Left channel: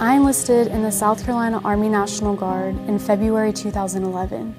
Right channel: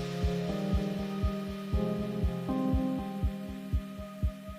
I enlisted in the South Carolina Army National Guard in February 2011.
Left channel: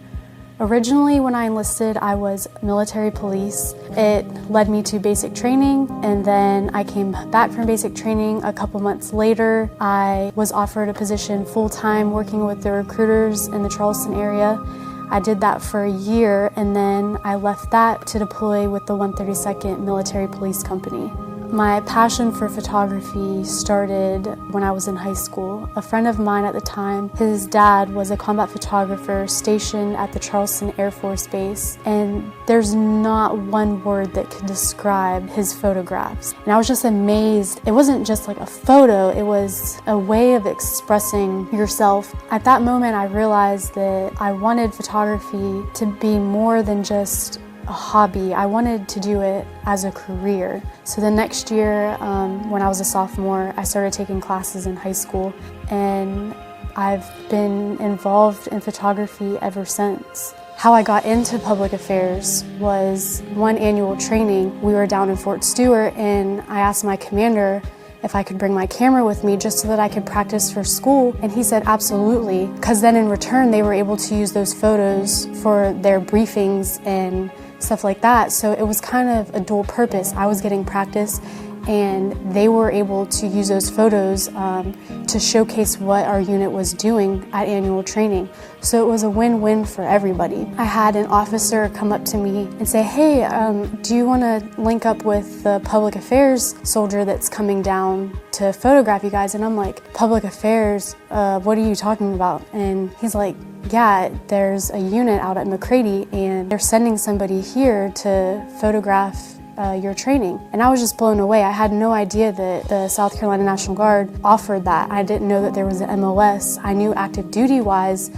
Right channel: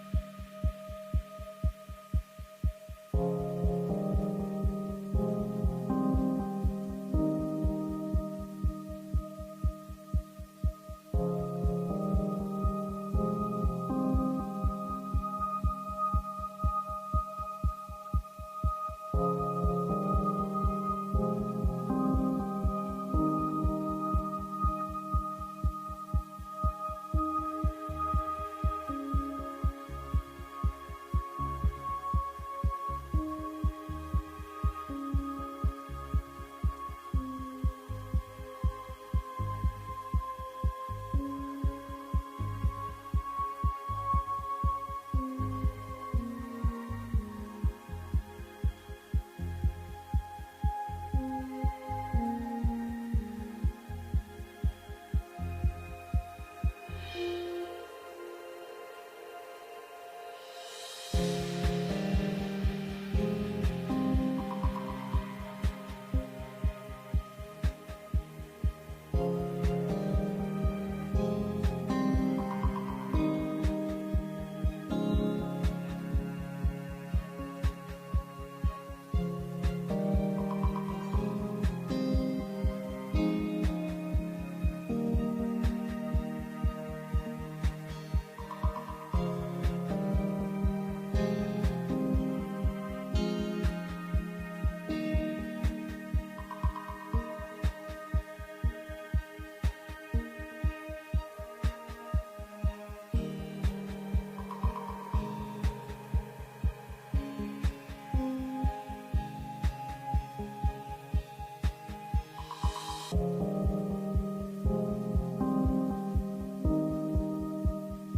Originally, when I enlisted, I was military police. It led me to basic training, and then I came back from basic training a couple months later. I was offered a position full-time working with the recruiters in the Charleston area. I did that for a year, and then I left that to deploy with the 132nd Military Police Company. My passion for photography started when I was in high school. A friend of mine at the time, his dad was a combat photographer stationed at the Charleston Air Force Base, and there's not one word that could describe his photographs. And I was just amazed. It wasn't just like a photo, it was a way of expressing yourself. At that moment, I realized that I wanted photography to be more than just a hobby. I wanted to do it as a career. So the next year, when I was a sophomore, I started taking classes in high school, and I've been involved in photography ever since. How I got into public affairs was one annual training. We were down in Fort Stewart, and I asked my commander if I could bring my camera with me just so that I could practice for school, and he said absolutely, because then in return they were able to use those photos for their briefings and stuff like that. So it was kind of a dual purpose. I was getting practice, and they were able to use those photos to showcase what our unit was doing at annual training. So it was a win-win for everybody. I had an officer come up to me and say, hey, do you want to link up with the public affairs soldier that's coming down to photograph you guys? And I'm like, public affairs? What are you talking about? And he's like, yeah, there's a unit out at McCready, and they're sending somebody here to photograph your training. And I was just blown away. I had no idea that the South Carolina National Guard offered that. I didn't know that there was an MOS. I knew active duty wise,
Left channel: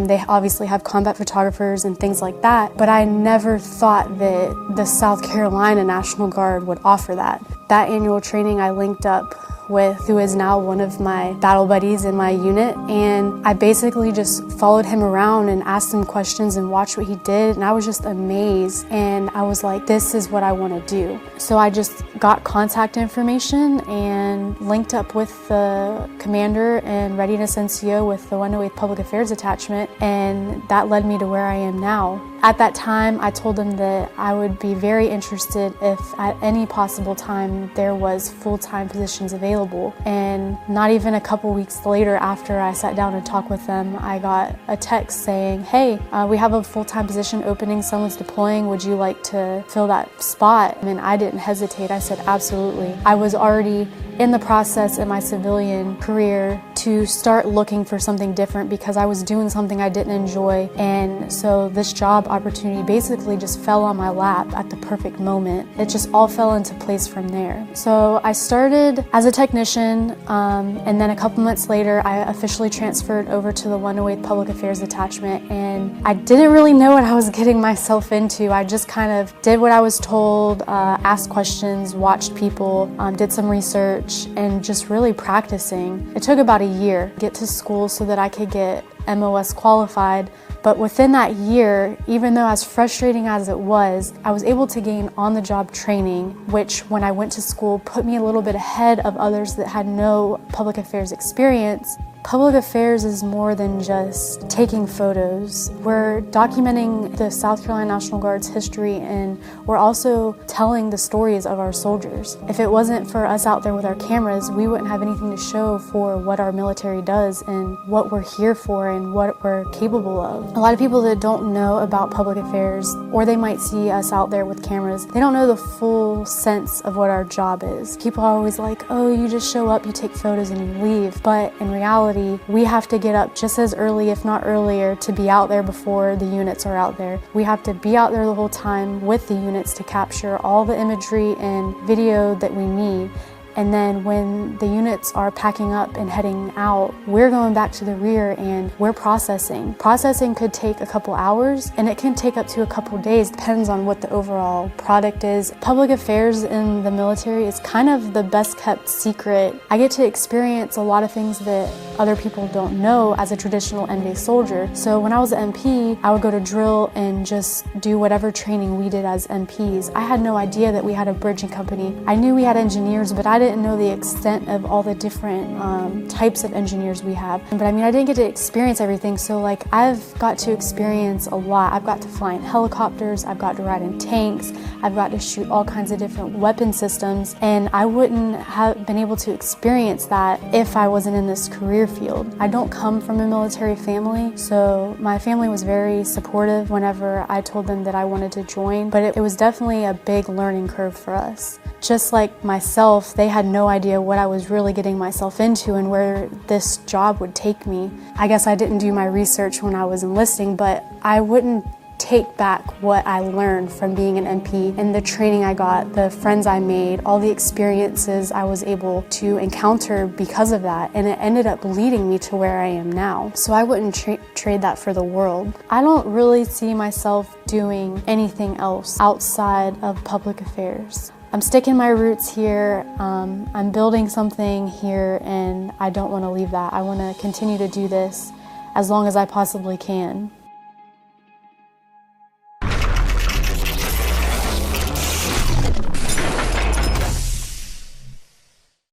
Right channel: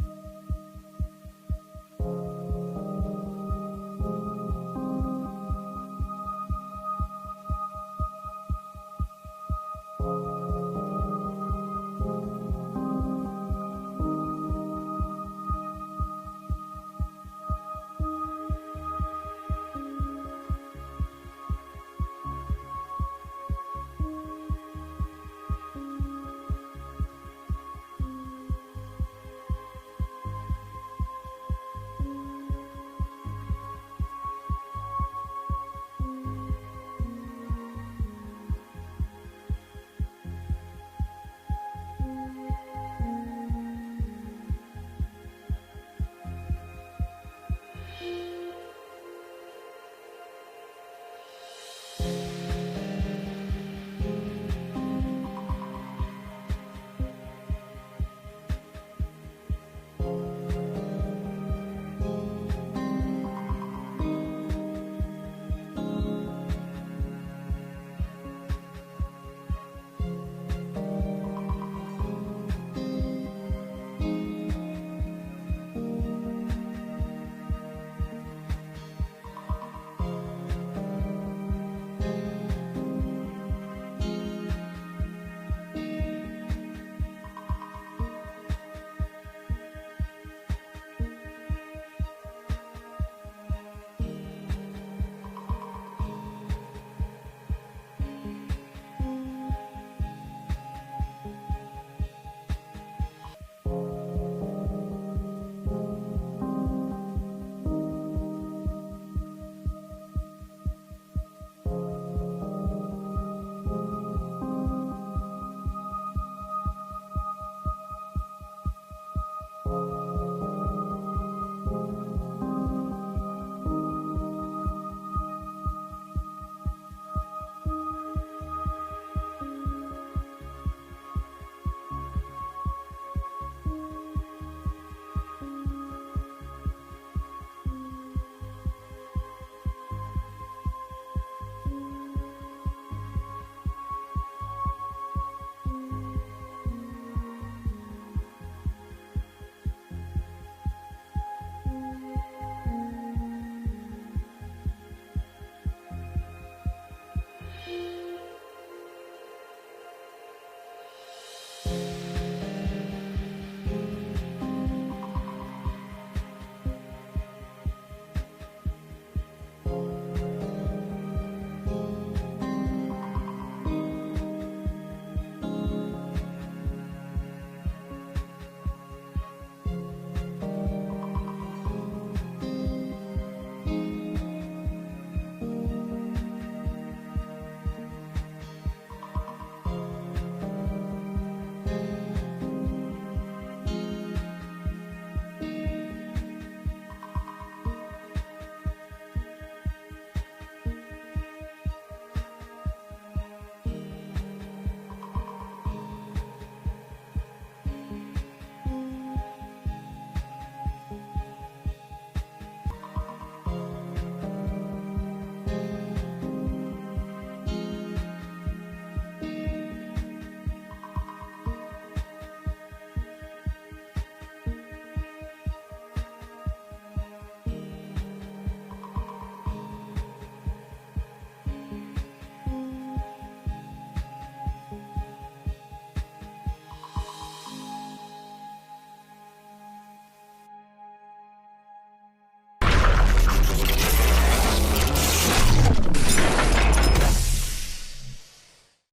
they obviously have combat photographers and things like that, but I never thought that the South Carolina National Guard would offer that. That annual training, I linked up with who is now one of my battle buddies in my unit, and I basically just followed him around and asked him questions and watched what he did, and I was just amazed, and I was like, this is what I want to do. So I just got contact information and linked up with the commander and Readiness NCO with the 108th Public Affairs Attachment, and that led me to where I am now. At that time, I told him that I would be very interested if at any possible time there was full-time positions available. And not even a couple weeks later, after I sat down and talked with them, I got a text saying, hey, we have a full-time position opening, someone's deploying, would you like to fill that spot? And I didn't hesitate, I said absolutely. I was already in the process in my civilian career to start looking for something different because I was doing something I didn't enjoy, and so this job opportunity basically just fell on my lap at the perfect moment. It just all fell into place from there. So I started as a technician, and then a couple months later I officially transferred over to the 108th Public Affairs Attachment, and I didn't really know what I was getting myself into. I just kind of did what I was told, asked questions, watched people, did some research, and just really practicing. It took about a year to get to school so that I could get MOS qualified. But within that year, even though as frustrating as it was, I was able to gain on-the-job training, which when I went to school put me a little bit ahead of others that had no public affairs experience. Public affairs is more than just taking photos. We're documenting the South Carolina National Guard's history, and we're also telling the stories of our soldiers. If it wasn't for us out there with our cameras, we wouldn't have anything to show for what our military does and what we're here for and what we're capable of. A lot of people that don't know about public affairs, or they might see us out there with cameras, they don't know the full sense of what our job is. People are always like, oh, you just show up, you take photos, and you leave. But in reality, we have to get up just as early, if not earlier, to be out there before the units are out there. We have to be out there the whole time with the units to capture all the imagery and video that we need. And then when the units are packing up and heading out, we're going back to the rear and we're processing. Processing could take a couple hours, and it can take up to a couple days, depends on what the overall product is. Public affairs in the military is kind of the best kept secret. I get to experience a lot of things that other people don't know as a traditional N-based soldier. So when I was an MP, I would go to drill and just do whatever training we did as MPs. I had no idea that we had a bridging company. I knew we had engineers, but I didn't didn't know the extent of all the different types of engineers we have. But I mean, I didn't get to experience everything, so like I've got to experience a lot. I've got to fly in helicopters, I've got to ride in tanks, I've got to shoot all kinds of different weapon systems, and I wouldn't have been able to experience that if I wasn't in this career field. I don't come from a military family, so my family was very supportive whenever I told them that I wanted to join, but it was definitely a big learning curve for us. Just like myself, they had no idea what I was really getting myself into and where this job would take me. I guess I didn't do my research when I was enlisting, but I wouldn't take back what I learned from being an MP and the training I got, the friends I made, all the experiences I was able to encounter because of that, and it ended up leading me to where I am now. So I wouldn't trade that for the world. I don't really see myself doing anything else outside of public affairs. I'm sticking my roots here, I'm building something here, and I don't want to leave that. I want to continue to do this as long as I possibly can.